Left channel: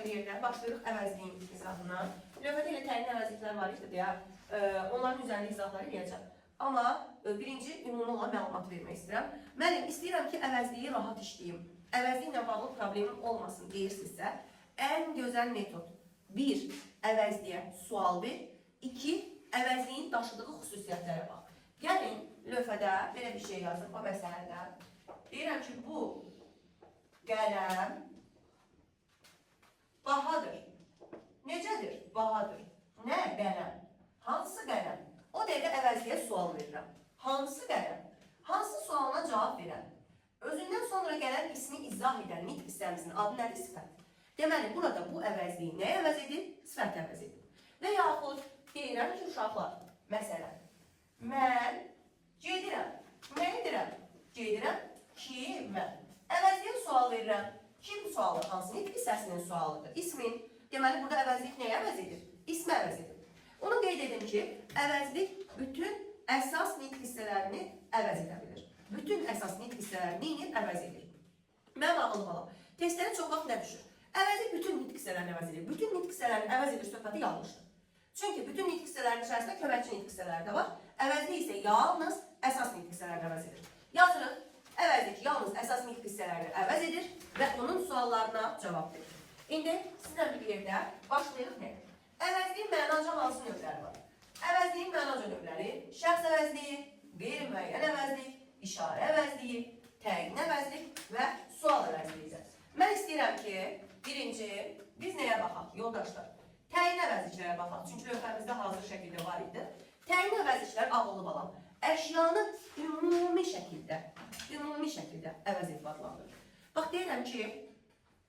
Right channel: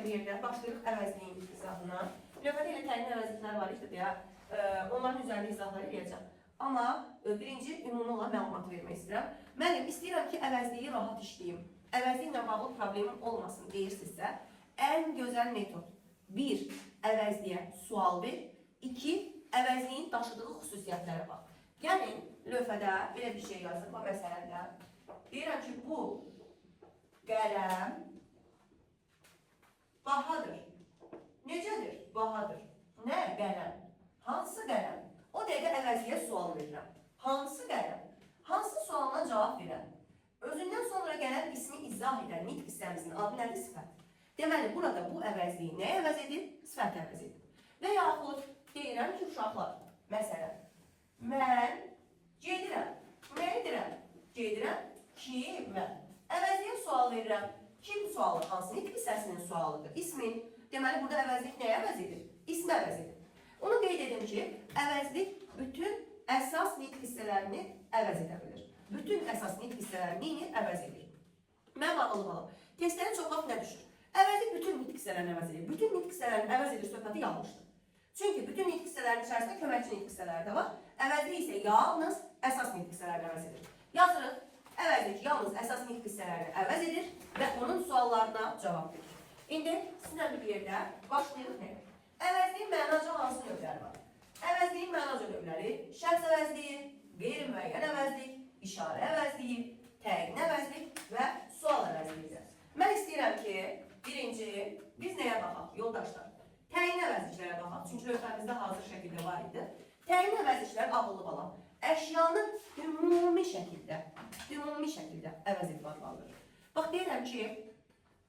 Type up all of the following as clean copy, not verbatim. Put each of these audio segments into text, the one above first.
bir yerdə başlayırıq əvəzliyin izahına. Lövhədə ilə təyin əvəzliklər var idi deyə, onların üzərində izahları eləyəcəm. Amma birinci ümumi olan məlumatı vermək istəyirəm. Mənim istəyirəm ki, əvəzliyi rahat işləyim. Əvəzliklə bağlı problemim olmasın deyirsinizsə, ən gözəl metod 1. Əvəzliyə sual ver. 2. Əvəzliyin daşıdığı xüsusiyyətlərə bax. Gəlin, lövhədə belə bir şey yazdım o məsələdə. Deyirəm ki, bu qələm bahadır. Necədir? Bahadır. Nə? Qələm. Hansı qələm? O dəqiqə əvəzliyə sual verirəm. Hansı qələm? Hansı sualına cavab verəm? Özündən sonra gələn ismi izah edən nitq hissəmizin adı nədir? Sifət. Deməli, burada bu əvəzliyi nəyə əvəz edir? Sifət əvəz edir. Və yaxud deyirəm ki, uşaqlar, məsələn, mən gedirəm. Nə edirəm? Gedirəm kimə? Əvəzliyə sual verirəm. Kim sualı? Hansı nitq hissəsinin sualıdır? İsmin. Deməli, burada əvəzlik nəyə əvəz edir? İsmi əvəz edir. Onu qeyd edim ki, əvəzlik bütün əsas nitq hissələrini əvəz edə bilir. Bütün əsas nitq hissələrini əvəz edir. Mənim ağıllı balam. Testlərə çox vaxt nə düşür? Əvəzlik bütün nitq hissələrini əvəz edir. Bütün nitq hissələrini əvəz edir söhbəti yanlışdır. Çünki bütün nitq hissələrinin içərisində köməkçi nitq hissələri də var. Əvəzlik isə yalnız əsas nitq hissələrini əvəz edir. Yazırıq, əvəzlik yalnız əsas nitq hissələrini əvəz edir və onun suallarına cavab verir. İndi sizinlə bir yerdə başlayırıq nə? Əvəzliyin mənaca hansı növləri var? Əvəzliyin mənaca növləri şəxs əvəzliyi, qeyri-müəyyən əvəzlik, işarə əvəzliyi, təyin əvəzlik və sual əvəzliyidir. Mən istəyirəm ki, birinci, biz nəyə baxaq, yoldaşlar? Təyin əvəzliklərə baxaq, çünki lövhəmizdə hazır şəkildə var idi. Təyin əvəzliklər ağıllı balam. Əşyanı ümumi şəkildə əvəz edib adlandırır. Bax, deyirəm ki,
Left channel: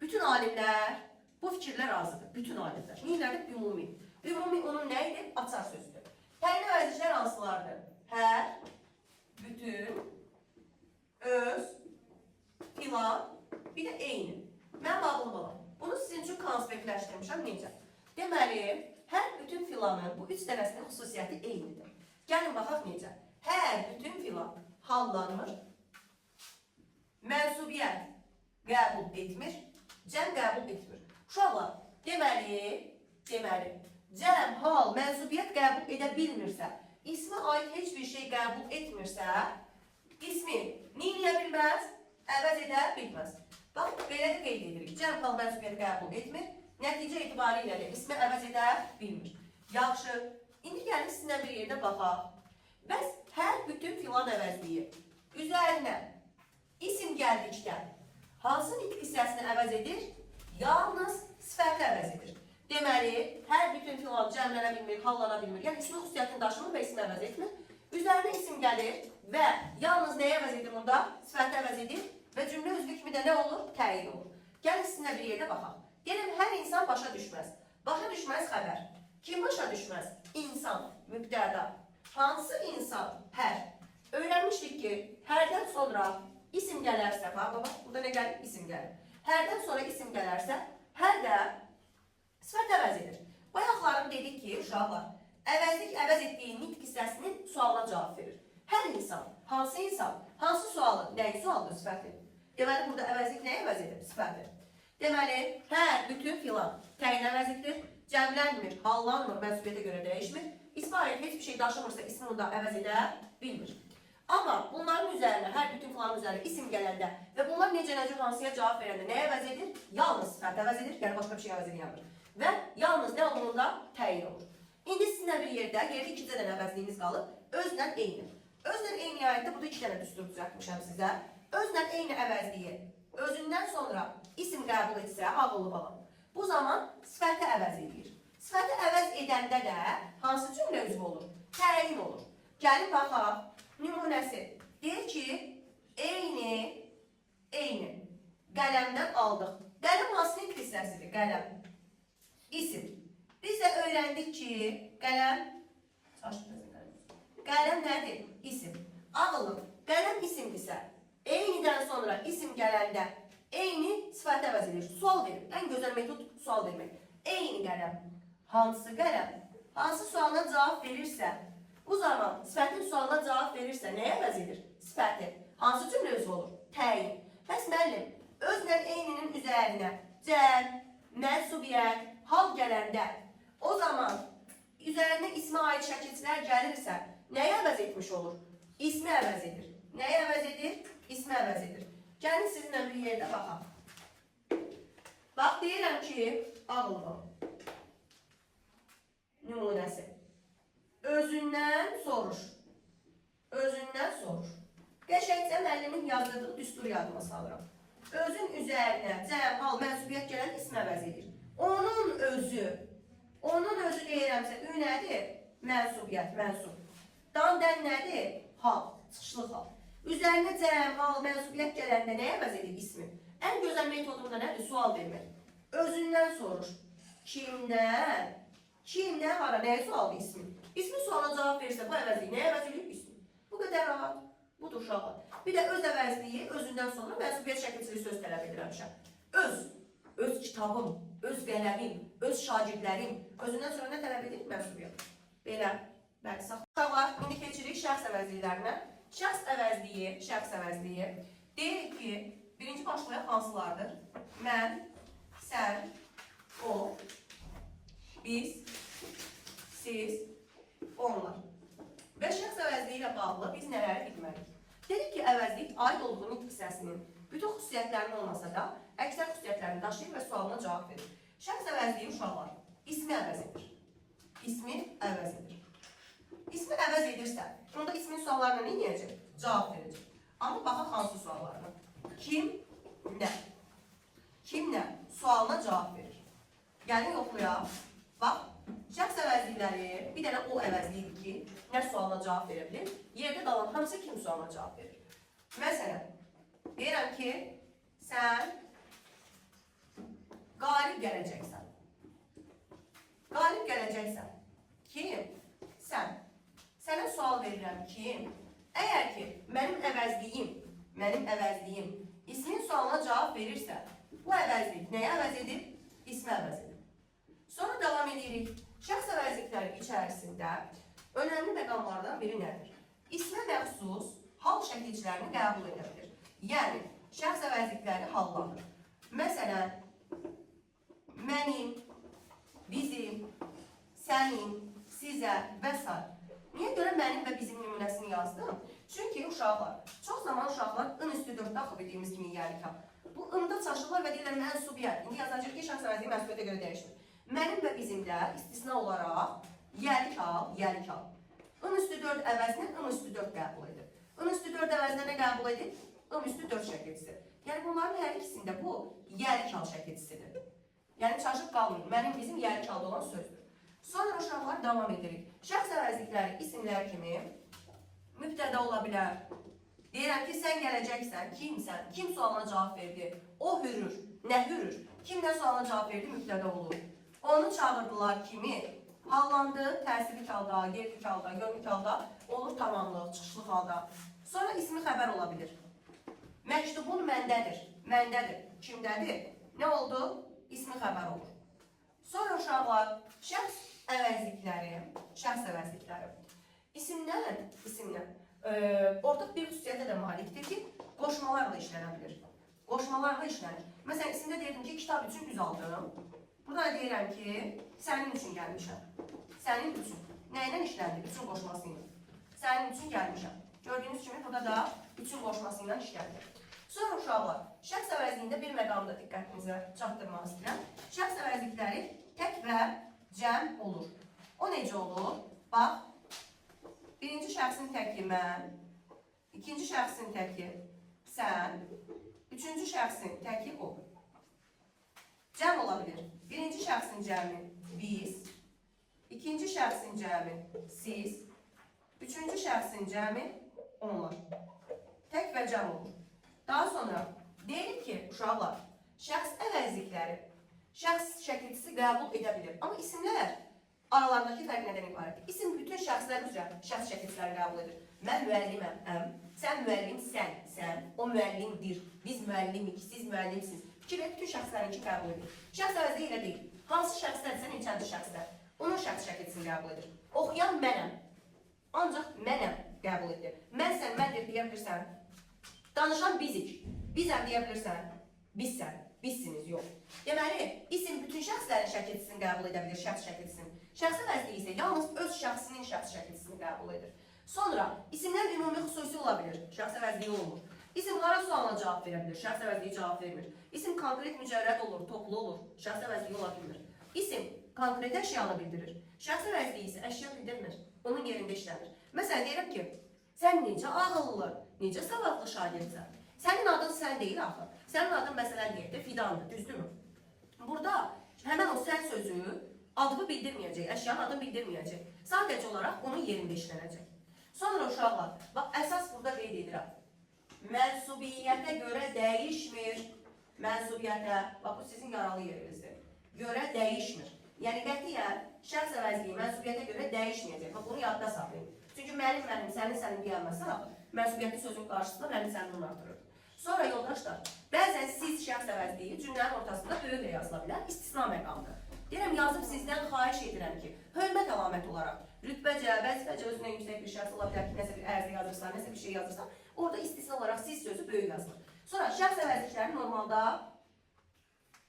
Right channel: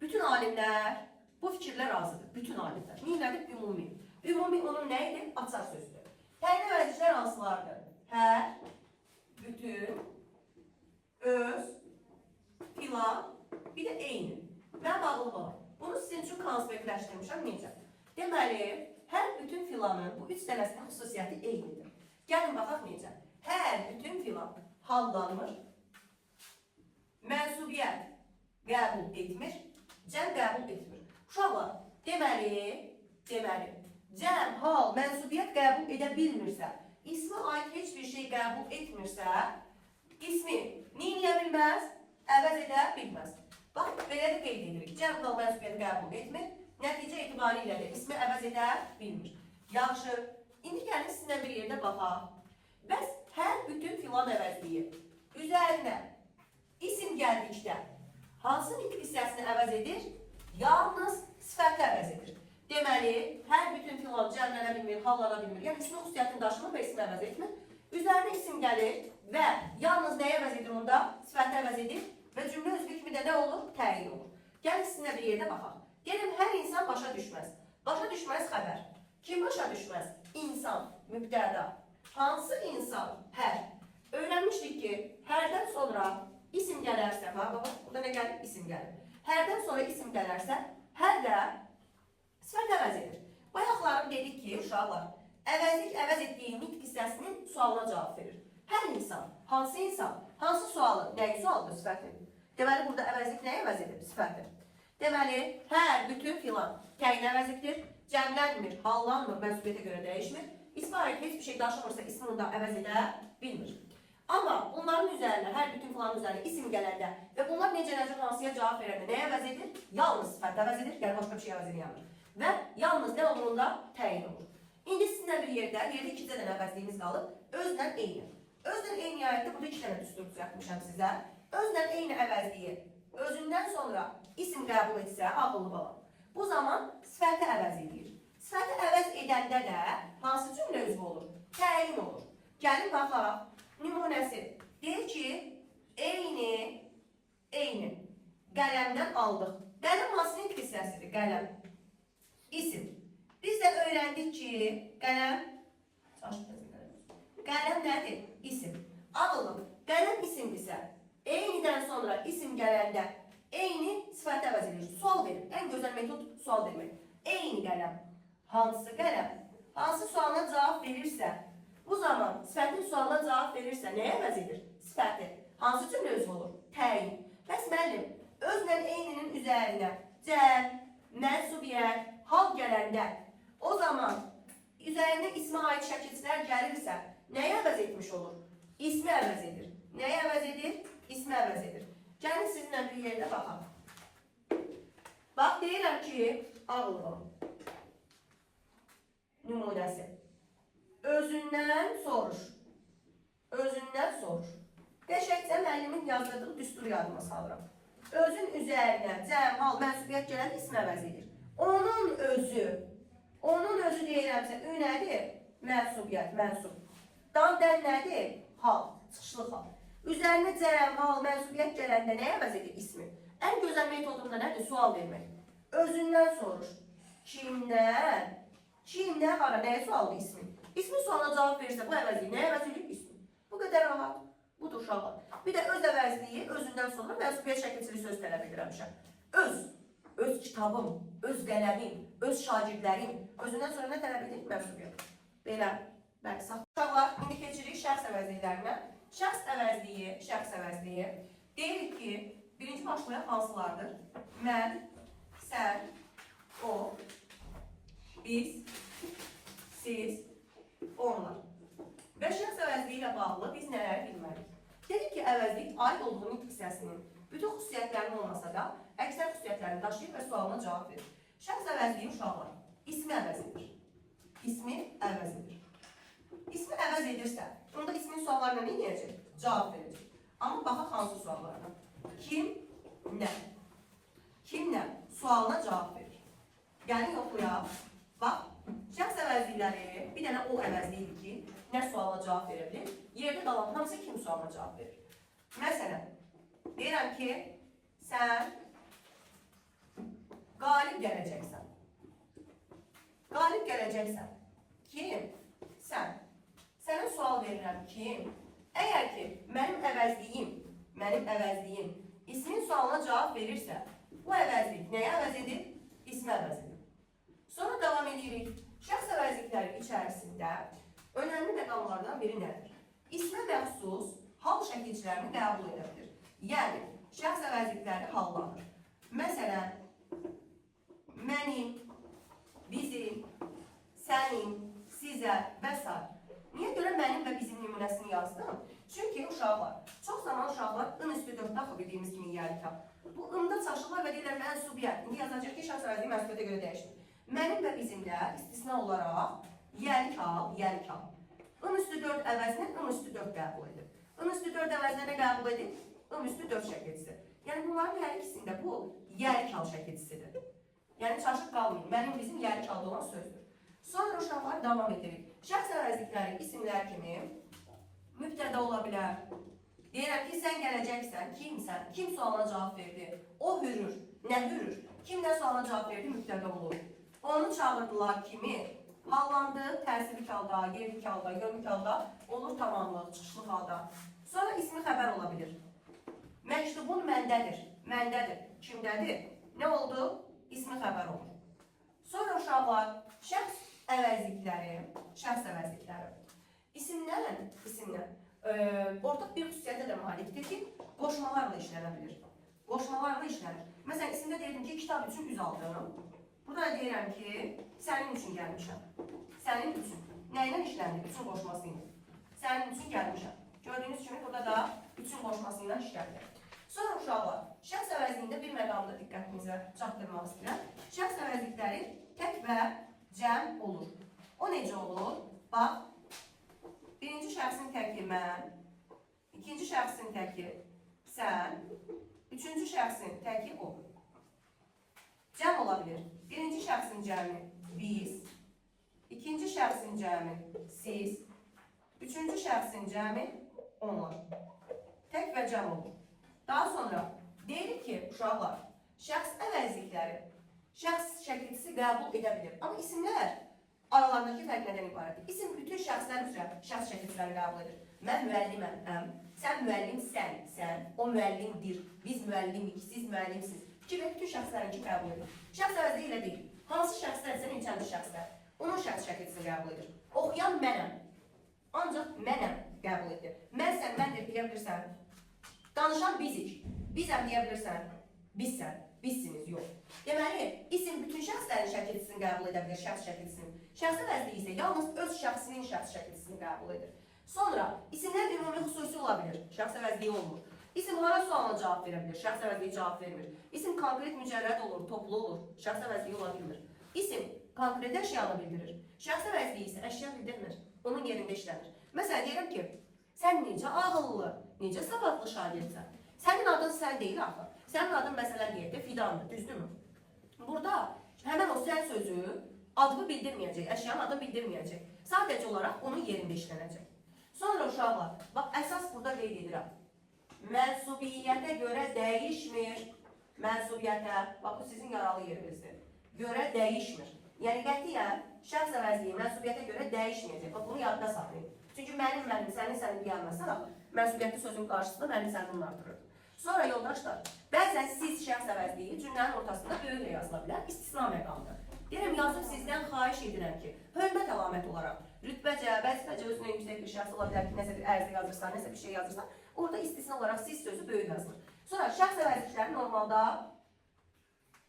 bütün alimlər bu fikirlər razıdır. Bütün alimlər. Neylədir? Ümumi. Ümumi onun nə idi? Açar sözdür. Təyin əvəzliklər hansılardır? Hər, bütün, öz, filan, bir də eyni. Mənim ağlım var. Bunu sizin üçün konspektləşdirmişəm. Necə? Deməli, hər bütün filanın bu üç dənəsinin xüsusiyyəti eynidir. Gəlin baxaq necə? Hər bütün filan hallanır, mənsubiyyət qəbul etmir, cəm qəbul etmir. Uşaqlar, deməli, cəm, hal, mənsubiyyət qəbul edə bilmirsə, ismi aid heç bir şey qəbul etmirsə, ismi neyə bilməz, əvəz edə bilməz. Bax, belə də qeyd edirik. Cəm, hal, mənsubiyyət qəbul etmir, nəticə etibarilə də ismi əvəz edə bilmir. Yaxşı, indi gəlin sizinlə bir yerdə baxaq. Bəs hər bütün filan əvəzliyi üzərinə isim gəldikdə hansı nitq hissəsini əvəz edir? Yalnız sifəti əvəz edir. Deməli, hər bütün filan cəmlənə bilmir, hallana bilmir. Yəni, ismi xüsusiyyətini daşımır və ismi əvəz etmir. Üzərinə isim gəlir və yalnız nəyə əvəz edir onda? Sifəti əvəz edir və cümlə üzvü kimi də nə olur? Təyin olur. Gəlin sizinlə bir yerdə baxaq. Gəlin, hər insan başa düşməz. Başa düşməz xəbər. Kim başa düşməz? İnsan, mübtəda. Hansı insan? Hər. Öyrənmişdik ki, hərdən sonra isim gələrsə, baba, burada nə gəlir? İsim gəlir. Hərdən sonra isim gələrsə, hər də sifət əvəz edir. Bayaqlarım dedik ki, uşaqlar, əvəzlik əvəz etdiyi nitq hissəsinin sualına cavab verir. Hər insan, hansı sualı? Nəyi sualdır? Sifəti. Deməli, burada əvəzlik nəyə əvəz edir? Sifəti. Deməli, hər, bütün filan təyin əvəzlikdir, cəmlənmir, hallanmır, mənsubiyyətə görə dəyişmir. İsmi aid heç bir şey daşımırsa ismi onda əvəz edə bilmir. Amma bunların üzərində, hər bütün filanın üzərində isim gələndə və bunlar necə hansıya cavab verəndə nəyə əvəz edir? Yalnız sifət əvəz edir, yəni başqa bir şey əvəz edir. Və yalnız nə olduğunda təyin olur. İndi sizinlə bir yerdə ikinci dənə əvəzliyimiz qalıb, özlə eyni. Özlə eyni ayətdə burada iki dənə düstur düzəltmişəm sizə. Özlə eyni əvəzliyi özündən sonra isim qəbul etsə, ağıllı balam. Bu zaman sifəti əvəz edir. Sifəti əvəz edəndə də hansı cümlə üzvü olur? Təyin olur. Gəlin baxaq. Nümunəsi. Deyir ki, eyni. Qələmdən aldıq. Qələm hansı nitq hissəsidir? Qələm. İsim. Biz də öyrəndik ki, qələm nədir? İsim. Ağılım. Qələm isimdirsə, eynidən sonra isim gələndə eyni sifəti əvəz edir. Sual verir. Ən gözəl metod sual vermək. Eyni qələm. Hansı qələm? Hansı sualına cavab verirsə, bu zaman sifətin sualına cavab verirsə, nəyə əvəz edir? Sifəti. Hansı cümlə üzvü olur? Təyin. Bəs müəllim, özlə eyninin üzərinə cəm, mənsubiyyət, hal gələndə o zaman üzərində ismə aid şəkilçilər gəlirsə, nəyə əvəz etmiş olur? İsmi əvəz edir. Nəyə əvəz edir? İsmi əvəz edir. Gəlin sizinlə bir yerdə baxaq. Bax, deyirəm ki, ağlının nümunəsi. Özündən soruş. Özündən soruş. Qəşəngcə müəllimin yazdırdığı düstur yadıma salıram. Özün üzərinə cəm, hal, mənsubiyyət gələn ismi əvəz edir. Onun özü deyirəmsə, ü nədir? Mənsubiyyət, mənsub. Dan-dən nədir? Hal, çıxışlı hal. Üzərinə cəm, hal, mənsubiyyət gələndə nəyə əvəz edir ismi? Ən gözəl metodunda nədir? Sual vermək. Özündən soruş. Kimdən? Kimdən hara? Nəyə sualdır ismi? İsmi suala cavab verirsə, bu əvəzliyi nəyə əvəz edir ismi? Bu qədər rahat. Budur uşaqlar. Bir də öz əvəzliyi, özündən sonra mənsubiyyət şəkilçili söz tələb edirəmişəm. Öz kitabım, öz qələmim, öz şagirdlərim. Özündən sonra nə tələb edir? Mənsubiyyət. Belə. Bəli, sağ. Uşaqlar, indi keçirik şəxs əvəzliklərinə. Şəxs əvəzliyi. Deyir ki, birinci başlayan hansılardır? Mən, sən, o, biz, siz, onlar. Və şəxs əvəzliyi ilə bağlı biz nələri bilməliyik? Dedik ki, əvəzlik aid olduğu nitq hissəsinin bütün xüsusiyyətlərinin olmasa da, əksər xüsusiyyətlərini daşıyır və sualına cavab verir. Şəxs əvəzliyi uşaqlar, ismi əvəz edir. İsmi əvəz edir. İsmi əvəz edirsə, onda ismin suallarına nə edəcək? Cavab verəcək. Amma baxaq hansı suallarına? Kim, nə? Kim, nə? Sualına cavab verir. Gəlin yoxlayaq. Bax, şəxs əvəzlikləri bir dənə o əvəzliyidir ki, nə suala cavab verə bilir? Yerdə qalan hamısı kim sualına cavab verir? Məsələn, deyirəm ki, sən qalib gələcəksən. Qalib gələcəksən. Kim? Sən. Sənə sual verirəm kim? Əgər ki, mənim əvəzliyim ismin sualına cavab verirsə, bu əvəzlik nəyə əvəz edir? İsmi əvəz edir. Sonra davam edirik. Şəxs əvəzlikləri içərisində önəmli məqamlardan biri nədir? İsmə məxsus hal şəkilçilərini qəbul edə bilir. Yəni, şəxs əvəzlikləri hallanır. Məsələn, mənim, bizim, sənin, sizə və s. Niyə görə mənim və bizim nümunəsini yazdım? Çünki uşaqlar, çox zaman uşaqlar ın üstü 4 daxil bildiyimiz kimi yərkab. Bu ında çaşırlar və deyirlər mənsubiyyət. İndi yazacaq ki, şəxs əvəzliyi mənsubiyyətə görə dəyişir. Mənim və bizimdə istisna olaraq yərkab. In üstü 4 əvəzini ın üstü 4 qəbul edir. In üstü 4 əvəzini qəbul edir? In üstü 4 şəkilçisi. Yəni bunların hər ikisində bu yərkab şəkilçisidir. Yəni çaşıb qalmayın. Mənim bizim yərkabda olan sözdür. Sonra uşaqlar davam edirik. Şəxs əvəzlikləri isimlər kimi mübtəda ola bilər. Deyirəm ki, sən gələcəksən, kimsən? Kim sualına cavab verdi? O hürür. Nə hürür? Kim də sualına cavab verdi? Mübtəda olur. Onu çağırdılar kimi? Hallandı, təsirlik halda, gerlik halda, yönlük halda, olur tamamlıq, çıxışlıq halda. Sonra ismi xəbər ola bilir. Məktubun məndədir. Kimdədir? Nə oldu? İsmi xəbər olur. Sonra uşaqlar, şəxs əvəzlikləri. İsimdən, ortaq bir xüsusiyyətə də malikdir ki, qoşmalarla işlənə bilir. Məsələn, isimdə deyirdim ki, kitab üçün üz aldım. Burada deyirəm ki, sənin üçün gəlmişəm. Sənin üçün. Nəylə işləndi? Üçün qoşması ilə. Sənin üçün gəlmişəm. Gördüyünüz kimi, burada da üçün qoşması ilə işləndi. Sonra uşaqlar, şəxs əvəzliyində bir məqamda diqqətinizə çatdırmaq istəyirəm. Şəxs əvəzlikləri tək və cəm olur. O necə olur? Bax, birinci şəxsin təki mən, ikinci şəxsin təki sən, üçüncü şəxsin təki o. Cəm ola bilir. Birinci şəxsin cəmi biz, ikinci şəxsin cəmi siz, üçüncü şəxsin cəmi onlar. Tək və cəm olur. Daha sonra deyirik ki, uşaqlar, şəxs əvəzlikləri, şəxs şəkilçisi qəbul edə bilir. Amma isimlər aralarındakı fərq nədən ibarətdir? İsim bütün şəxslər üzrə şəxs şəkilçiləri qəbul edir. Mən müəlliməm, sən müəllimsən, o müəllimdir, biz müəllimik, siz müəllimsiz. Fikirlə bütün şəxslərinki qəbul edir. Şəxs əvəzliyi ilə deyil. Hansı şəxslərsə neçənci şəxslər? Onun şəxs şəkilçisini qəbul edir. Oxuyan mənəm, ancaq mənəm qəbul edir. Mənsən, məndir deyə bilirsən. Danışan bizik, bizəm deyə bilirsən, bizsən. Bizsiniz, yox. Deməli, isim bütün şəxslərin şəkilçisini qəbul edə bilir, şəxs şəkilçisini. Şəxsi vəzifə isə yalnız öz şəxsinin şəxs şəkilçisini qəbul edir. Sonra, isimlər ümumi xüsusi ola bilir, şəxsi vəzifə olmur. İsim hara sualına cavab verə bilir, şəxsi vəzifə cavab vermir. İsim konkret mücərrəd olur, toplu olur, şəxsi vəzifə ola bilmir. İsim konkret əşyanı bildirir, şəxsi vəzifə isə əşya bildirmir, onun yerində işlənir. Məsələn, deyirəm ki, sən necə ağıllı, necə savadlı şagirdsən? Sənin adın sən deyil axı. Sənin adın məsələn deyək də Fidandır, düzdürmü? Burada həmən o sən sözü adını bildirməyəcək, əşyanın adını bildirməyəcək. Sadəcə olaraq onun yerində işlənəcək. Sonra uşaqlar, bax əsas burada qeyd edirəm. Mənsubiyyətə görə dəyişmir. Mənsubiyyətə, bax bu sizin yaralı yerinizdir. Görə dəyişmir. Yəni qətiyyən şəxs əvəzliyi mənsubiyyətə görə dəyişməyəcək. Bax bunu yadda saxlayın. Çünki mənim, sənin deyənməsən axı, mənsubiyyətli sözün qarşısında mənim sənin artırır. Sonra yoldaşlar, bəzən siz şəxs əvəzliyi cümlənin ortasında böyüklə yazıla bilər, istisna məqamdır. Deyirəm, yazıb sizdən xahiş edirəm ki, hörmət əlamət olaraq, rütbəcə, vəzifəcə özünə yüksək bir şəxs ola bilər ki, nəsə bir ərizə yazırsan, nəsə bir şey yazırsan, orada istisna olaraq siz sözü böyük yazılır. Sonra şəxs əvəzlikləri normalda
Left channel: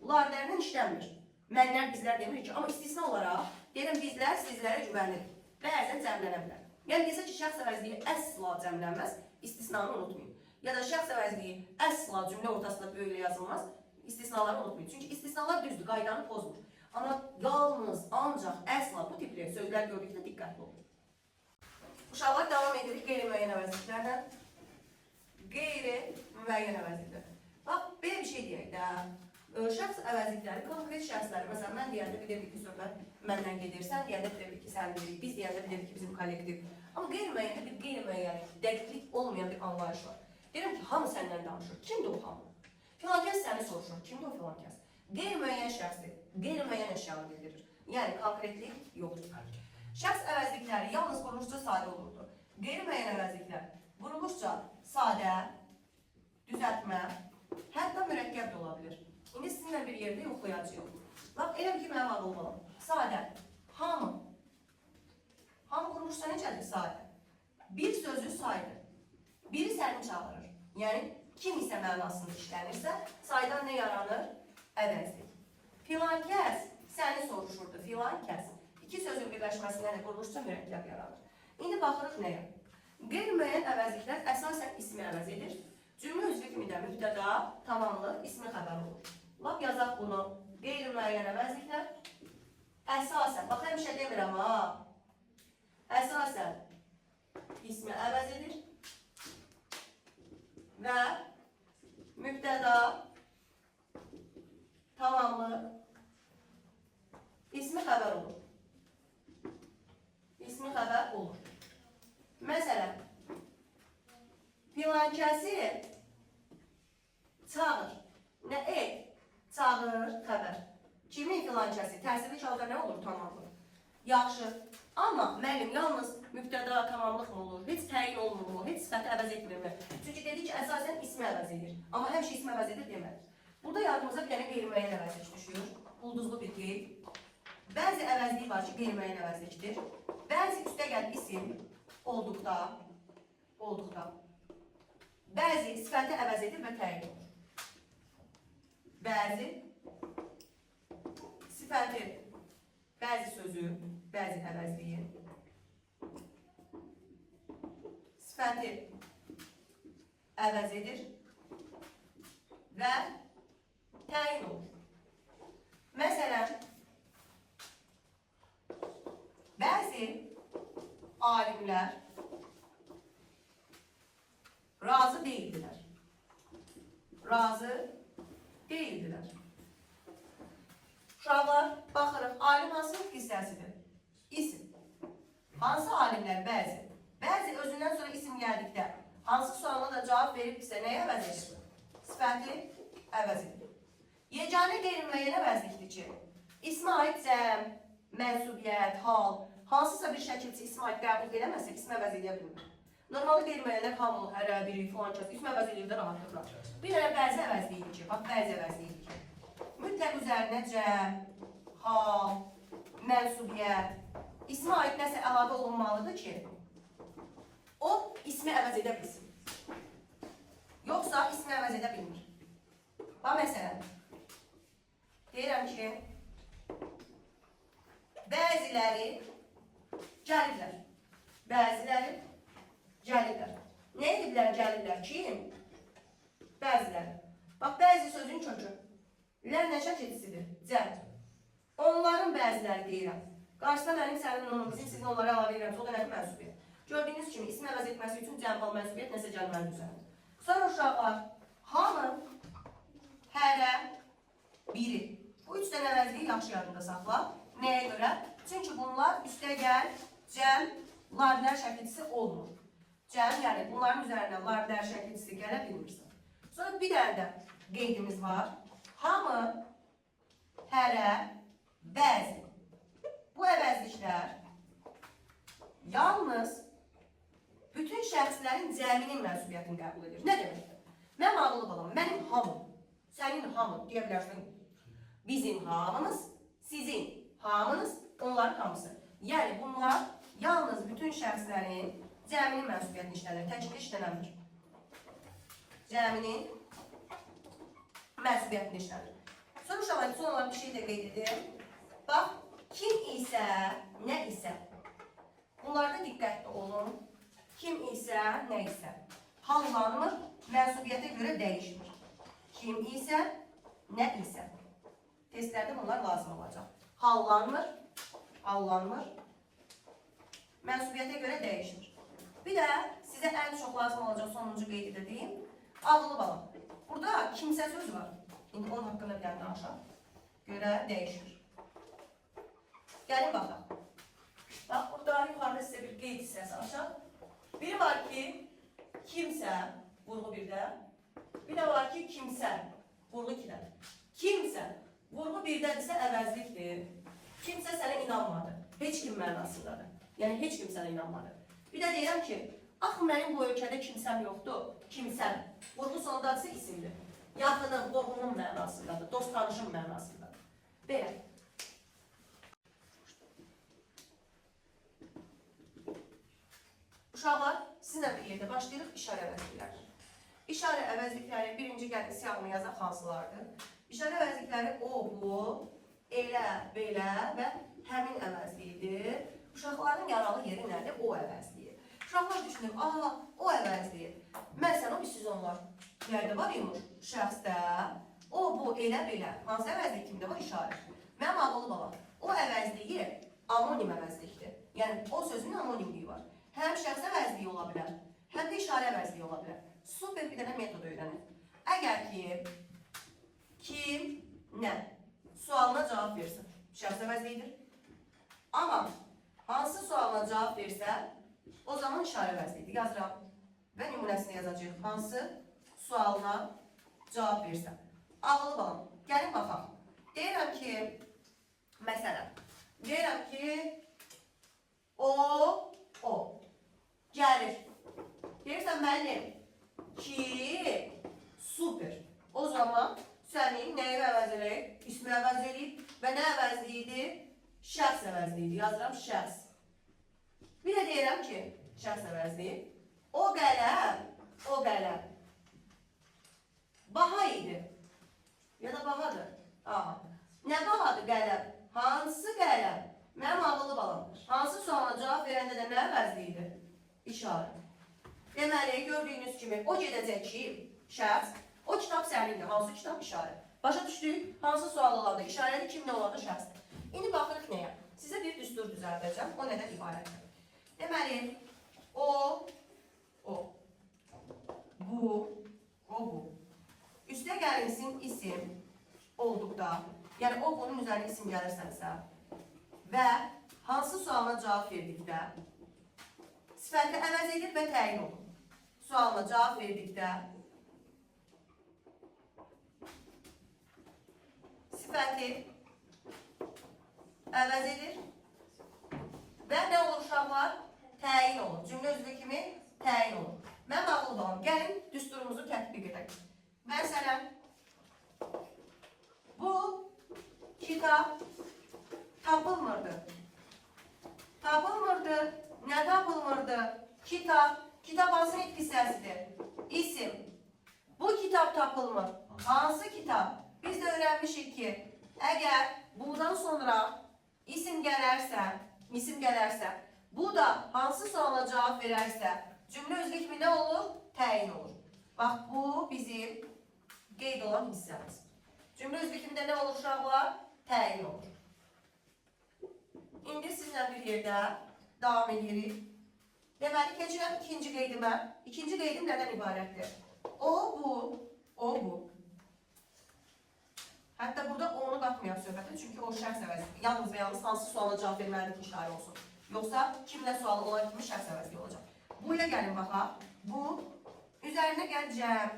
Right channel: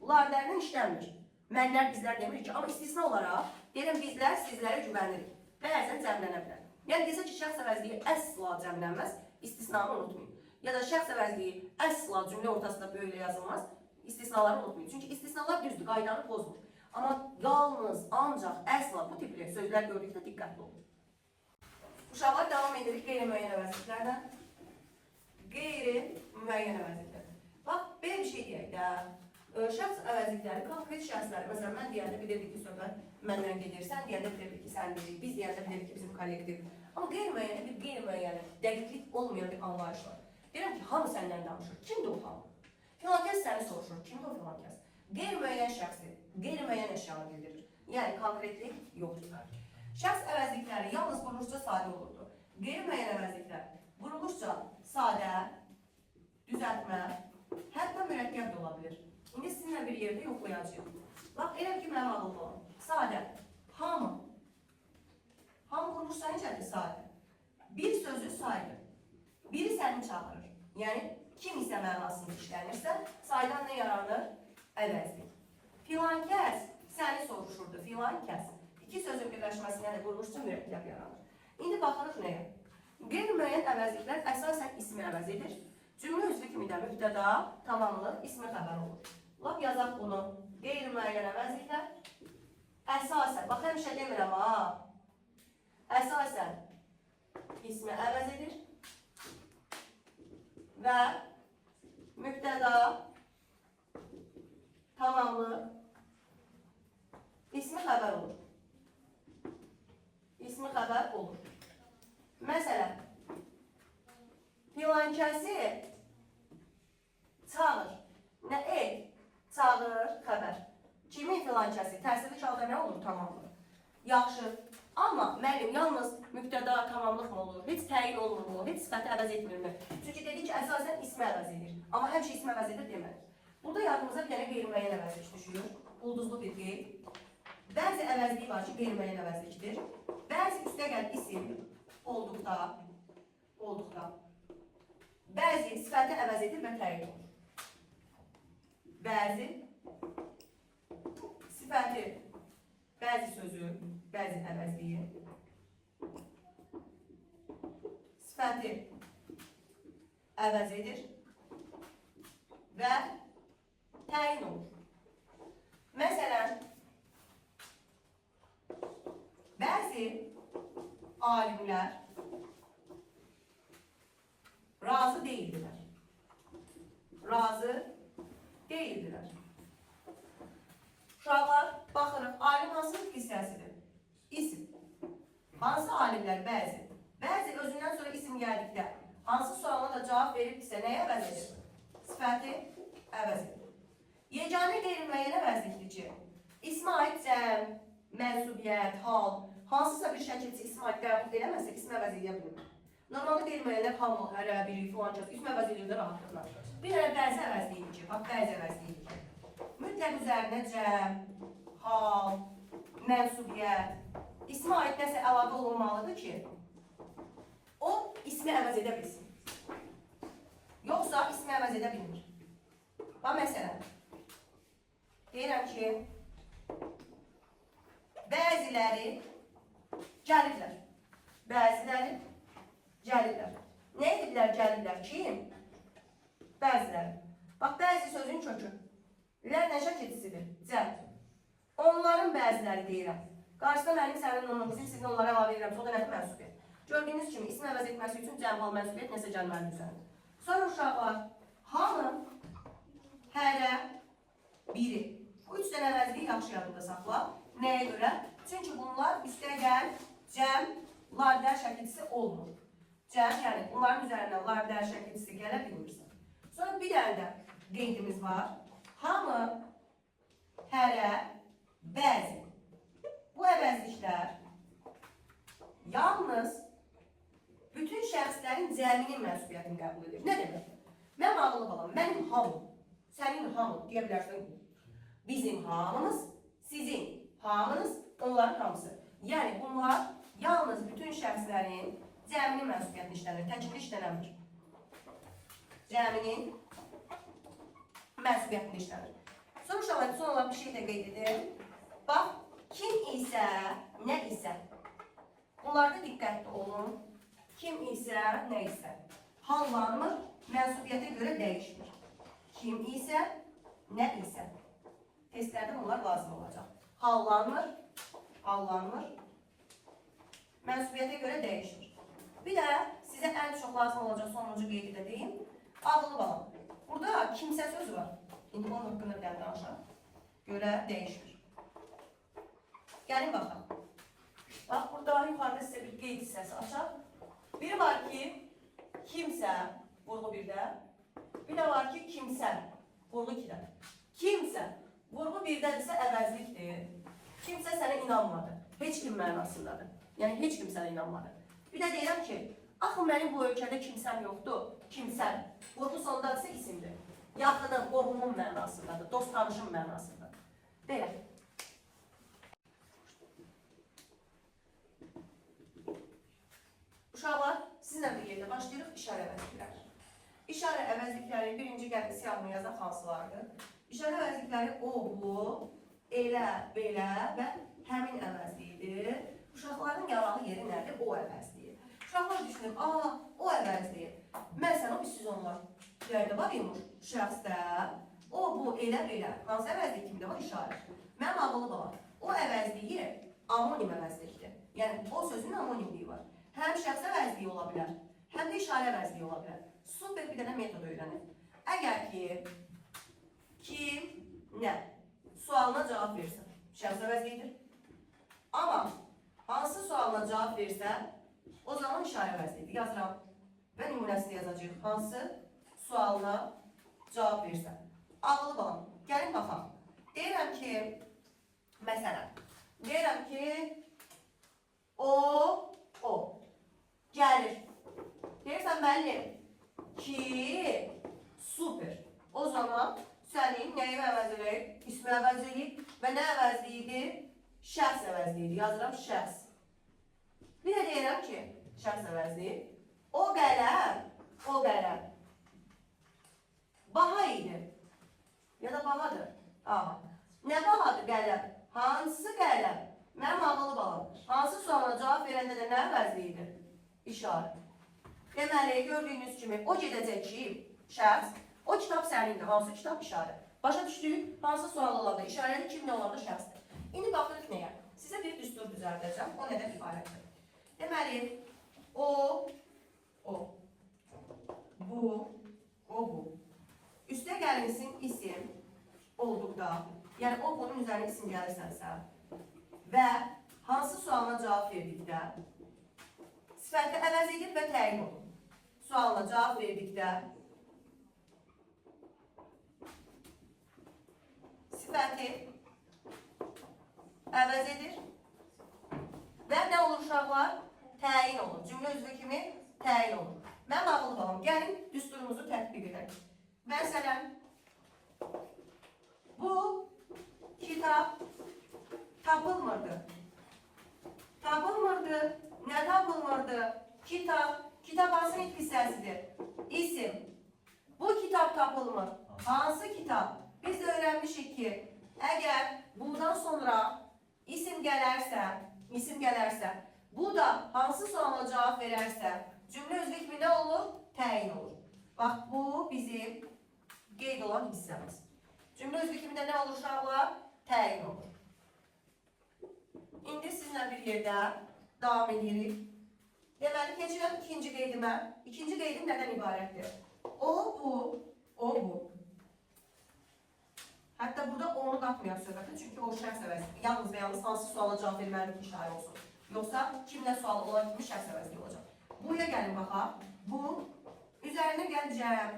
ularlarından işlənmir. Mənlər, bizlər demirik ki, amma istisna olaraq, deyirəm, bizlər sizlərə güvənirik. Bəzən cəmlənə bilər. Yəni, desə ki, şəxs əvəzliyi əsla cəmlənməz, istisnanı unutmayın. Ya da şəxs əvəzliyi əsla cümlə ortasında böyüklə yazılmaz, istisnaları unutmayın. Çünki istisnalar düzdür, qaydanı pozmur. Amma yalnız, ancaq, əsla bu tipli sözlər gördükdə diqqətli olun. Uşaqlar davam edirik qeyri-müəyyən əvəzliklərdən. Qeyri-müəyyən əvəzliklər. Bax, belə bir şey deyək də, şəxs əvəzlikləri konkret şəxslər, məsələn, mən deyəndə bilirdik ki, söhbət məndən gedir, sən deyəndə bilirdik ki, sən deyirik, biz deyəndə bilirdik ki, bizim kollegdir. Amma qeyri-müəyyəndə bir qeyri-müəyyən, dəqiqlik olmayan bir anlayış var. Deyirəm ki, hamı səndən danışır. Kimdir o hamı? Filankəs səni soruşur. Kimdir o filankəs? Qeyri-müəyyən şəxsdir. Qeyri-müəyyən əşyanı bildirir. Yəni, konkretlik yoxdur. Şəxs əvəzlikləri yalnız quruluşca sadə olurdu. Qeyri-müəyyən əvəzliklər quruluşca sadə, düzəltmə, hətta mürəkkəb də ola bilir. İndi sizinlə bir yerdə yoxlayacağım. Bax, elə ki, mənim adım olam. Sadə, hamı. Hamı quruluşca necədir sadə? Bir sözü saydı. Biri səni çağırır. Yəni, kim isə mənasında işlənirsə, saydan nə yaranır? Əvəzlik. Filankəs səni soruşurdu, filankəs. İki sözün birləşməsindən də quruluşca mürəkkəb yaranır. İndi baxırıq nəyə? Qeyri-müəyyən əvəzliklər əsasən ismi əvəz edir. Cümlə üzvü kimi də mübtəda, tamamlıq, ismi xəbər olur. Lap yazaq bunu. Qeyri-müəyyən əvəzliklər əsasən, bax həmişə demirəm ha, əsasən ismi əvəz edir və mübtəda, tamamlıq, ismi xəbər olur. İsmi xəbər olur. Məsələn, filankəsi çağır. Nə et? Çağır, xəbər. Kimin filankəsi? Tərsili kağıda nə olur? Tamamlıq. Yaxşı. Amma müəllim yalnız mübtəda, tamamlıq mı olur? Heç təyin olmur mu? Heç sifəti əvəz etmirmi? Çünki dedik ki, əsasən ismi əvəz edir. Amma həmişə ismi əvəz edir demədik. Burada yardımıza bir dənə qeyri-müəyyən əvəzlik düşür. Ulduzlu bir qeyd. Bəzi əvəzlik var ki, qeyri-müəyyən əvəzlikdir. Bəzi üstəgəl isim olduqda, bəzi sifəti əvəz edir və təyin olur. Bəzi sifəti, bəzi sözü, bəzi əvəzliyi, sifəti əvəz edir və təyin olur. Məsələn, bəzi alimlər razı deyildilər. Razı deyildilər. Uşaqlar, baxırıq, alim hansı hissəsidir? İsim. Hansı alimlər? Bəzi. Bəzi özündən sonra isim gəldikdə hansı sualına da cavab veribsə nəyə əvəz edir? Sifəti əvəz edir. Yeganə qeyri-müəyyən əvəzlikdir ki, ismə aid cəm, mənsubiyyət, hal, hansısa bir şəkilçi ismə aid qəbul eləməsə, ismə əvəz edə bilmir. Normalda qeyri-müəyyənlər hamı, hərə, biri, filan kəs, ismə əvəz edildə rahatlıqlar. Bir dənə bəzi əvəzliyidir ki, bax, bəzi əvəzliyidir ki, mütləq üzərinə cəm, hal, mənsubiyyət, ismə aid nəsə əlavə olunmalıdır ki, o ismi əvəz edə bilsin. Yoxsa ismi əvəz edə bilmir. Bax, məsələn, deyirəm ki, bəziləri gəlirlər. Bəziləri gəlirlər. Nə ediblər gəlirlər? Kim? Bəziləri. Bax, bəzi sözün kökü. Lər nə şəkilsidir? Cəm. Onların bəziləri deyirəm. Qarşıda mənim sənin nunumuzun, sizin onlara əlavə edirəm. O da nədir mənsubiyyət? Gördüyünüz kimi isim əvəz etməsi üçün cəm hal mənsubiyyət nəsə gəlməlidir üzərində. Sonra uşaqlar, hamı, hərə, biri. Bu üç dənə əvəzliyi yaxşı yadında saxla. Nəyə görə? Çünki bunlar üstə gəl, cəm, lardər şəkilçisi olmur. Cəm, yəni bunların üzərindən lardər şəkilçisi gələ bilmirsən. Sonra bir dənə də qeydimiz var. Hamı, hərə, bəzi. Bu əvəzliklər yalnız bütün şəxslərin cəminin mənsubiyyətini qəbul edir. Nə deməkdir? Mən ağlı balam, mənim hamım, sənin hamın deyə bilərsən. Bizim hamımız, sizin hamınız, onların hamısı. Yəni bunlar yalnız bütün şəxslərin cəminin mənsubiyyətini işlənir, təcili işlənəmir. Cəminin mənsubiyyətini işlənir. Sonra uşaqlar, son olan bir şey də qeyd edir. Bax, kim isə, nə isə. Bunlarda diqqətli olun. Kim isə, nə isə. Hallanmır, mənsubiyyətə görə dəyişmir. Kim isə, nə isə. Testlərdə bunlar lazım olacaq. Hallanmır, mənsubiyyətə görə dəyişmir. Bir də sizə ən çox lazım olacaq sonuncu qeydi də deyim. Ağlı balam. Burada kimsə söz var. İndi onun haqqında bir dənə danışaq. Görə dəyişmir. Gəlin baxaq. Bax, burada yuxarıda sizə bir qeyd hissəsi açaq. Biri var ki, kimsə, vurğu birdə. Bir də var ki, kimsə, vurğu ikidə. Kimsə, vurğu birdədirsə əvəzlikdir. Kimsə sənə inanmadı. Heç kim mənasındadır. Yəni, heç kim sənə inanmadı. Bir də deyirəm ki, axı mənim bu ölkədə kimsəm yoxdur. Kimsəm. Vurğu sondadırsa isimdir. Yaxınım, qohumun mənasındadır. Dost tanışım mənasındadır. Belə. Uşaqlar, sizinlə bir yerdə başlayırıq işarə əvəzlikləri. İşarə əvəzlikləri birinci gəlin siyahını yazaq hansılardır? İşarə əvəzlikləri o, bu, elə, belə və həmin əvəzliyidir. Uşaqların yaralı yeri nədir? O əvəzliyi. Uşaqlar düşünür, o əvəzliyi. Məsələn, o bir sizonlar yerdə var imiş şəxsdə. O, bu, elə, belə. Hansı əvəzliyi kimdə var? İşarə. Mənim ağlı balam. O əvəzliyi anonim əvəzlikdir. Yəni, o sözün anonimliyi var. Həm şəxs əvəzliyi ola bilər, həm də işarə əvəzliyi ola bilər. Super bir dənə metod öyrənir. Əgər ki, kim, nə sualına cavab versə, şəxs əvəzliyidir. Amma hansı sualına cavab versə, o zaman işarə əvəzliyidir. Yazıram və nümunəsini yazacaq. Hansı sualına cavab versə. Ağlı balam, gəlin baxaq. Deyirəm ki, məsələn, deyirəm ki, o gəlir. Deyirsən, müəllim, ki, super. O zaman sənin nəyi əvəz eləyir? İsmi əvəz eləyir və nə əvəzliyidir? Şəxs əvəzliyidir. Yazıram şəxs. Bir də deyirəm ki, şəxs əvəzliyi. O qələm baha idi. Ya da bahadır. Aha. Nə bahadır qələm? Hansı qələm? Mənim ağlı balam. Hansı sualına cavab verəndə də nə əvəzliyidir? İşarə. Deməli, gördüyünüz kimi, o gedəcək ki, şəxs, o kitab sənindir. Hansı kitab? İşarə. Başa düşdük, hansı sual olanda işarədir, kim nə olanda şəxsdir. İndi baxırıq nəyə? Sizə bir düstur düzəldəcəm, o nədən ibarətdir. Deməli, o, bu. Üstə gəlinsin isim olduqda, yəni o bunun üzərində isim gəlirsənsə və hansı sualına cavab verdikdə sifəti əvəz edir və təyin olur. Sualına cavab verdikdə sifəti əvəz edir və nə olur uşaqlar? Təyin olur. Cümlə üzvü kimi təyin olur. Mən ağlı balam. Gəlin düsturumuzu tətbiq edək. Məsələn, bu kitab tapılmırdı. Tapılmırdı. Nə tapılmırdı? Kitap. Kitap hansı hissəsidir? İsim. Bu kitap tapılmır. Hansı kitap? Biz də öyrənmişik ki, Əgər bundan sonra isim gələrsə, bu da hansı suala cavab verərsə, cümlə özü kimi nə olur? Təyin olur. Bax, bu bizim qeyd olan hissəmiz. Cümlə özü kimi də nə olur uşaqlar? Təyin olur. İndi sizinlə bir yerdə davam edirik. Deməli, keçirəm ikinci qeydimə. İkinci qeydim nədən ibarətdir? O, bu. Hətta burada onu qatmayaq söhbətə, çünki o şəxs əvəzlidir. Yalnız və yalnız hansı suala cavab verməlidir ki, şair olsun. Yoxsa kimlə sualı olan kimi şəxs əvəzliyi olacaq. Buya gəlin baxaq. Bu, üzərinə gələcəm.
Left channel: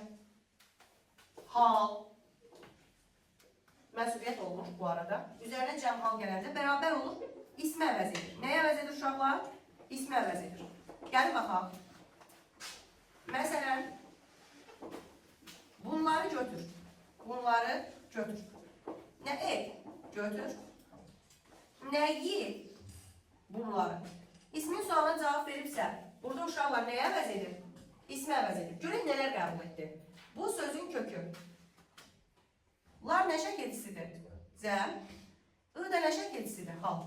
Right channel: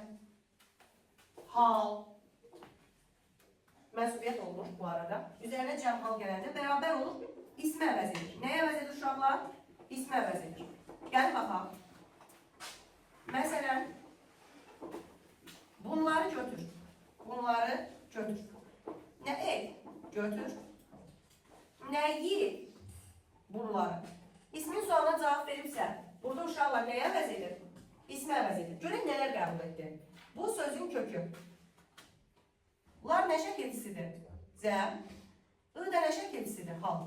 Hal. Məsuliyyət olmuş bu arada. Üzərinə cəm hal gələndə bərabər olur, ismi əvəz edir. Nəyə əvəz edir uşaqlar? İsmi əvəz edir. Gəlin baxaq. Məsələn, bunları götür. Nə götür. Nəyi? Bunları. İsmin sualına cavab verirsə, burada uşaqlar nəyə əvəz edir? İsmi əvəz edir. Görün nələr qəbul etdi. Bu sözün kökü. Lar nə şəkilcisidir? Cəm. I da nə şəkilcisidir? Hal.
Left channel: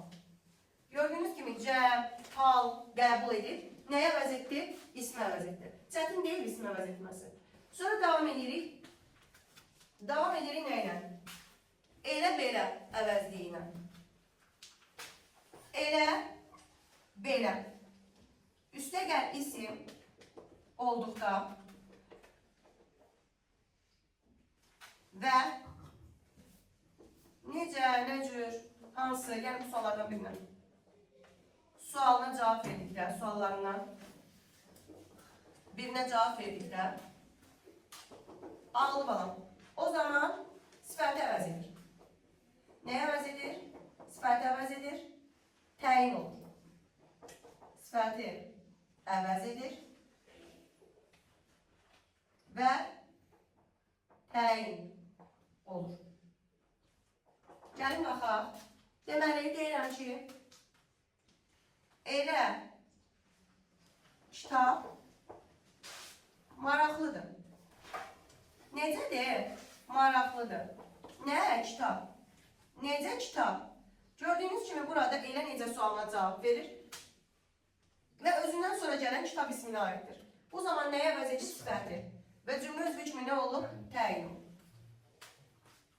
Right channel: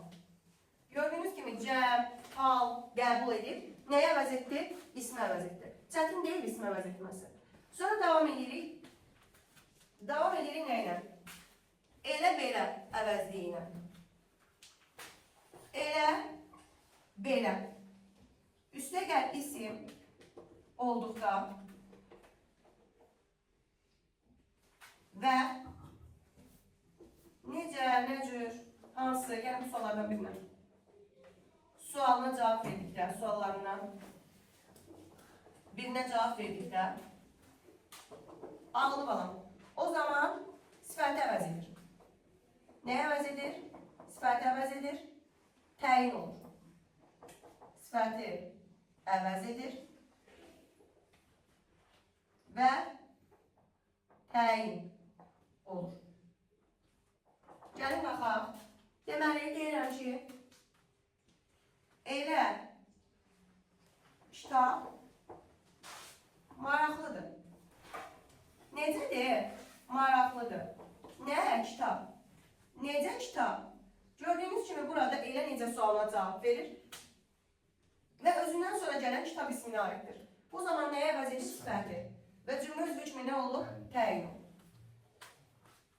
Gördüyünüz kimi cəm, hal qəbul edib. Nəyə əvəz etdi? İsmi əvəz etdi. Çətin deyil ismi əvəz etməsi. Sonra davam edirik. Davam edirik nə ilə? Elə belə əvəzliyi ilə. Elə belə. Üstə gəl isim olduqda və necə, nə cür, hansı, gəlin bu suallardan birinə. Sualına cavab verdikdə, suallarından birinə cavab verdikdə ağlı balam. O zaman sifəti əvəz edir. Nəyə əvəz edir? Sifəti əvəz edir. Təyin olur. Sifəti əvəz edir. Və təyin olur. Gəlin baxaq. Deməli, deyirəm ki, elə kitab maraqlıdır. Necədir? Maraqlıdır. Nə? Kitab. Necə kitab? Gördüyünüz kimi burada elə necə sualına cavab verir və özündən sonra gələn kitab isminə aiddir. Bu zaman nəyə əvəz edir? Sifəti. Və cümlə özü kimi nə olur? Təyin olur.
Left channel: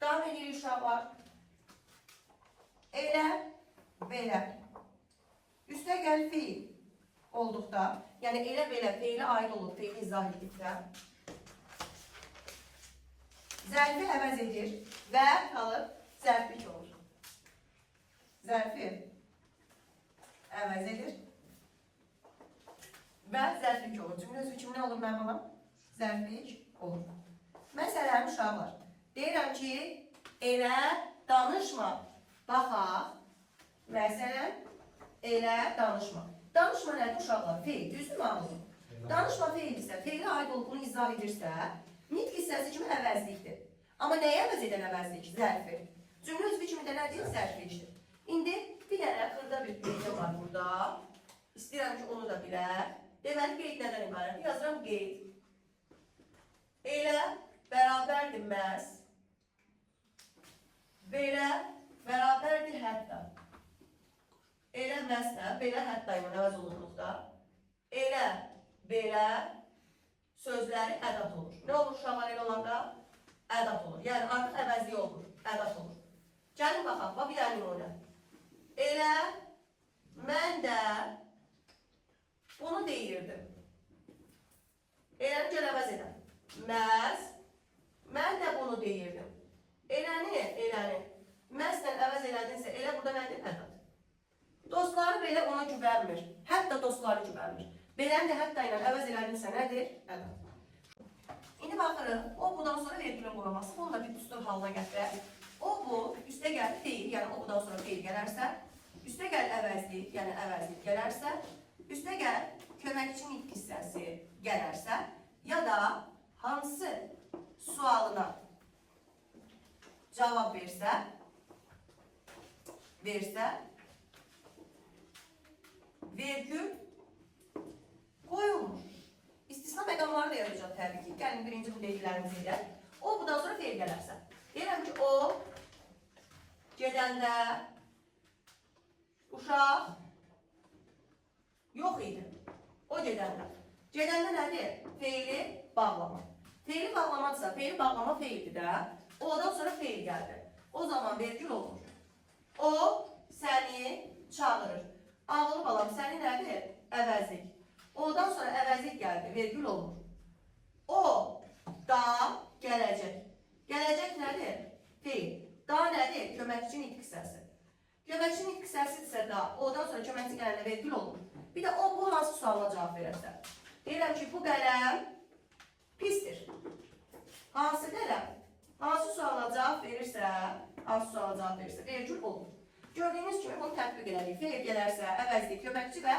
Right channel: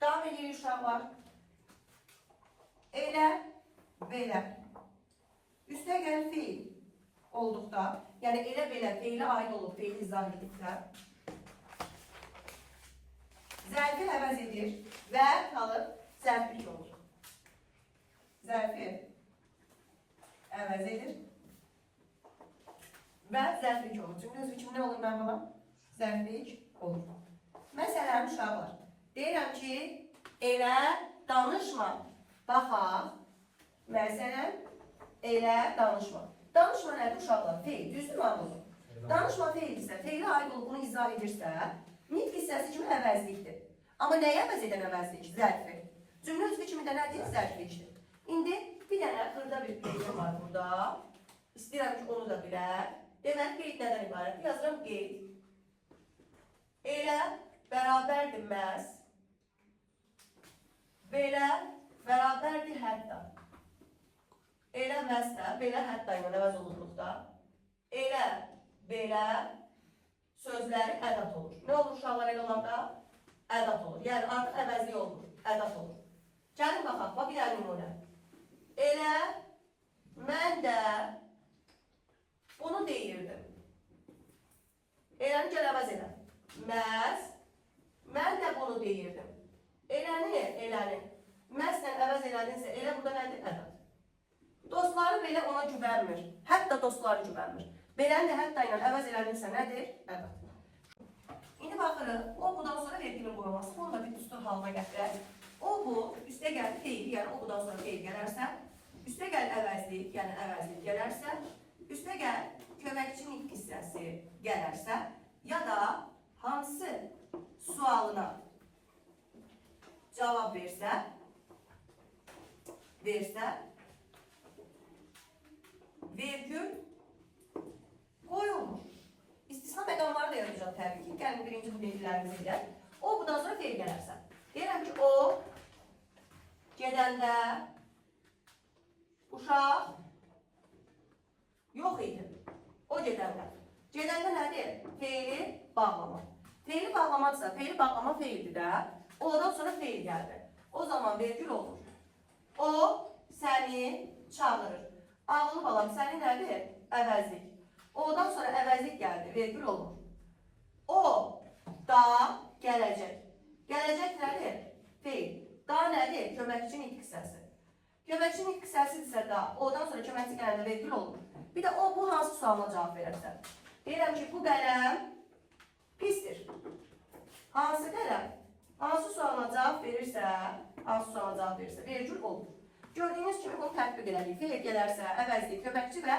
Davam edirik uşaqlar. Elə, belə. Üstə gəl fiil olduqda, yəni elə belə feili aid olub, feili izah edildikdə zərfi əvəz edir və qalıb zərflik olur. Zərfi əvəz edir və zərflik olur. Cümlə özü kimi nə olur mən buna? Zərflik olur. Məsələn, uşaqlar, deyirəm ki, elə danışma. Baxaq, məsələn, elə danışma. Danışma nədir uşaqlar? Feil, düzdür anlayın. Danışma feil isə, feili aid olduğunu izah edirsə, nitq hissəsi kimi əvəzlikdir. Amma nəyə əvəz edən əvəzlik? Zərfi. Cümlə özü kimi də nədir? Zərflikdir. İndi bir dənə xırda bir qeydim var burada. İstəyirəm ki, onu da bilək. Deməli, qeyd nədən ibarət? Yazıram qeyd. Elə bərabərdir məhz. Belə bərabərdir hətta. Elə məslə, belə hətta ilə əvəz olunduqda. Elə, belə sözləri ədat olur. Nə olur uşaqlar elə olanda? Ədat olur. Yəni artıq əvəzli olur. Ədat olur. Gəlin baxaq, bax bir dənə nümunə. Elə mən də bunu deyirdim. Eləni gəl əvəz edən. Məz, mən də bunu deyirdim. Eləni. Məzlə əvəz elədinsə, elə burada nədir? Ədat. Dostları belə ona güvənmir. Hətta dostları güvənmir. Beləni də hətta ilə əvəz elədinsə, nədir? Ədat. İndi baxırıq, o budan sonra vergülün quraması, bunu da bir düstur halına gətirək. O bu, üstə gəl feil, yəni o budan sonra feil gələrsə, üstə gəl əvəzlik, yəni əvəzlik gələrsə, üstə gəl köməkçi nitq hissəsi gələrsə, ya da hansı sualına cavab versə, vergül qoyulmur. İstisna məqamları da yazacaq təbii ki. Gəlin birinci bu qeydlərimizi edək. O budan sonra feil gələrsə. Deyirəm ki, o gedəndə uşaq yox idi. O gedəndə. Gedəndə nədir? Feili bağlama. Feili bağlamadırsa, feili bağlama feildir də. Ondan sonra feil gəldi. O zaman vergül olur. O səni çağırır. Ağılı balam, səni nədir? Əvəzlik. Ondan sonra əvəzlik gəldi, vergül olur. O da gələcək. Gələcək nədir? Feil. Da nədir? Köməkçi nitq hissəsi. Köməkçi nitq hissəsidirsə da, ondan sonra köməkçi gələndə vergül olur. Bir də o, bu hansı sualına cavab verərsə. Deyirəm ki, bu qələm pisdir. Hansı qələm? Hansı sualına cavab verirsə, vergül olur. Gördüyünüz kimi bunu tətbiq elədik. Feil gələrsə, əvəzlik, köməkçi və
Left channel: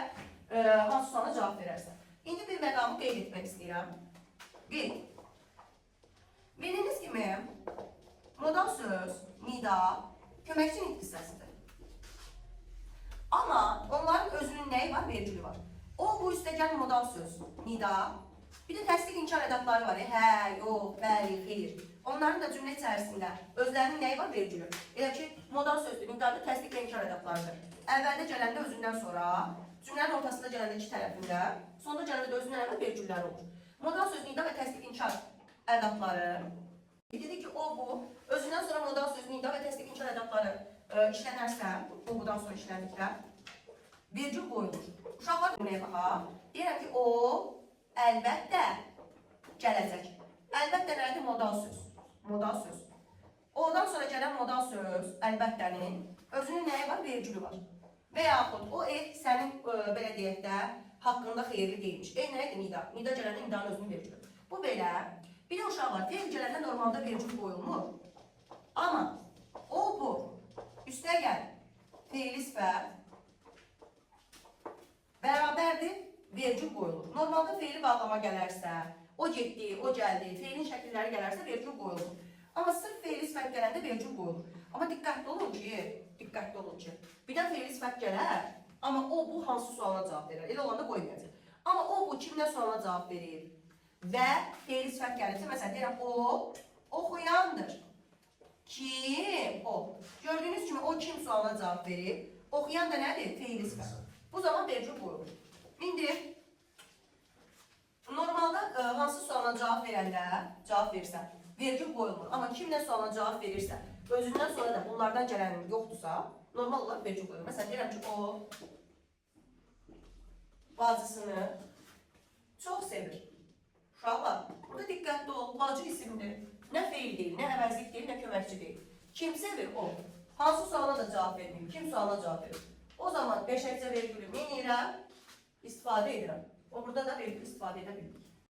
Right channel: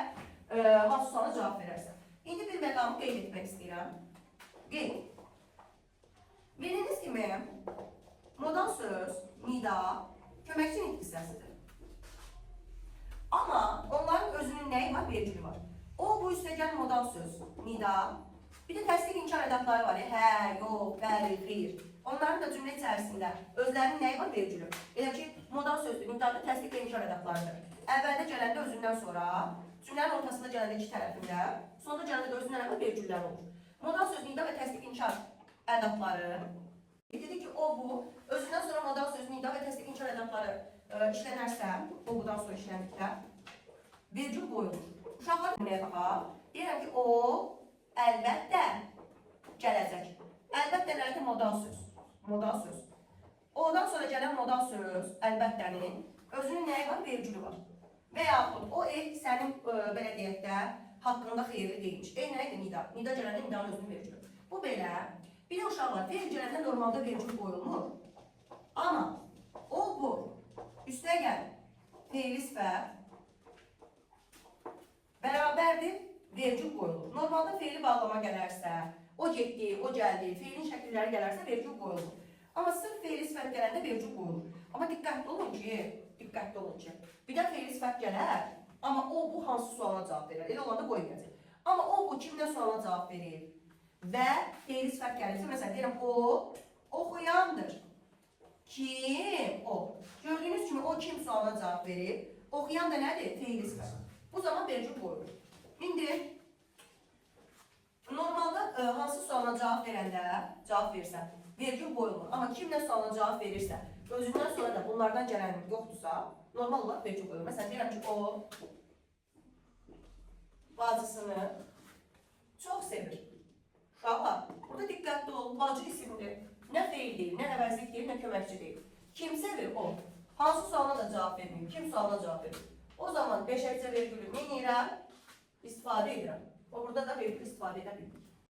hansı sualına cavab verərsə. İndi bir məqamı qeyd etmək istəyirəm. Qeyd. Bildiyiniz kimi, modal söz, nida, köməkçi nitq hissəsidir. Amma onların özünün nəyi var? Vergülü var. O, bu üstəgəl modal söz, nida. Bir də təsdiq inkar ədatları var. Hə, yox, bəli, xeyr. Onların da cümlə içərisində özlərinin nəyi var? Vergülü. Elə ki, modal sözdür, nidada təsdiq və inkar ədatlarıdır. Əvvəldə gələndə özündən sonra, cümlənin ortasında gələndə iki tərəfində, sonda gələndə də özündən əvvəl vergüllər olur. Modal söz, nida və təsdiq inkar ədatları. Dedik ki, o, bu, özündən sonra modal söz, nida və təsdiq inkar ədatları işlənərsə, o, budan sonra işləndikdə, vergül qoyulur. Uşaqlar deməyə baxaq. Deyirəm ki, o, əlbəttə gələcək. Əlbəttə nədir? Modal söz. Modal söz. Ondan sonra gələn modal söz, əlbəttənin özünün nəyi var? Vergülü var. Və yaxud o sənin, belə deyək də, haqqında xeyirli deyilmiş. Nədir? Nida. Nida gələndə nidanın özünün vergülü. Bu belə. Bir də uşaq var. Feil gələndə normalda vergül qoyulmur. Amma o, bu. Üstəgəl feili sifət bərabərdir, vergül qoyulur. Normalda feili bağlama gələrsə, o getdi, o gəldi, feilin şəkilləri gələrsə vergül qoyulur. Amma sırf feili sifət gələndə vergül qoyulur. Amma diqqətli olun ki, birdən feili sifət gələr, amma o, bu hansı sualına cavab verir? Elə olanda qoymayacaq. Amma o, bu kimdən sualına cavab verir? Və feili sifət gəlirsə, məsələn, deyirəm, o, oxuyandır. Kim? O. Gördüyünüz kimi o kim sualına cavab verir? Oxuyan da nədir? Feili sifət. Bu zaman vergül qoyulur. İndi normalda hansı sualına cavab verirsə, vergül qoyulur. Amma kimdən sualına cavab verirsə, özündən sonra da bunlardan gələn yoxdursa, normal olaraq vergül qoyulur. Məsələn, deyirəm ki, o bacısını çox sevir. Uşaqlar, burada diqqətli ol, bacı isimdir. Nə feil deyil, nə əvəzlik deyil, nə köməkçi deyil. Kim sevir? O. Hansı sualına da cavab verməyim, kim sualına cavab verir? O zaman beşəkcə vergülü nə edirəm? İstifadə edirəm. O, burada da vergül istifadə edə bildik.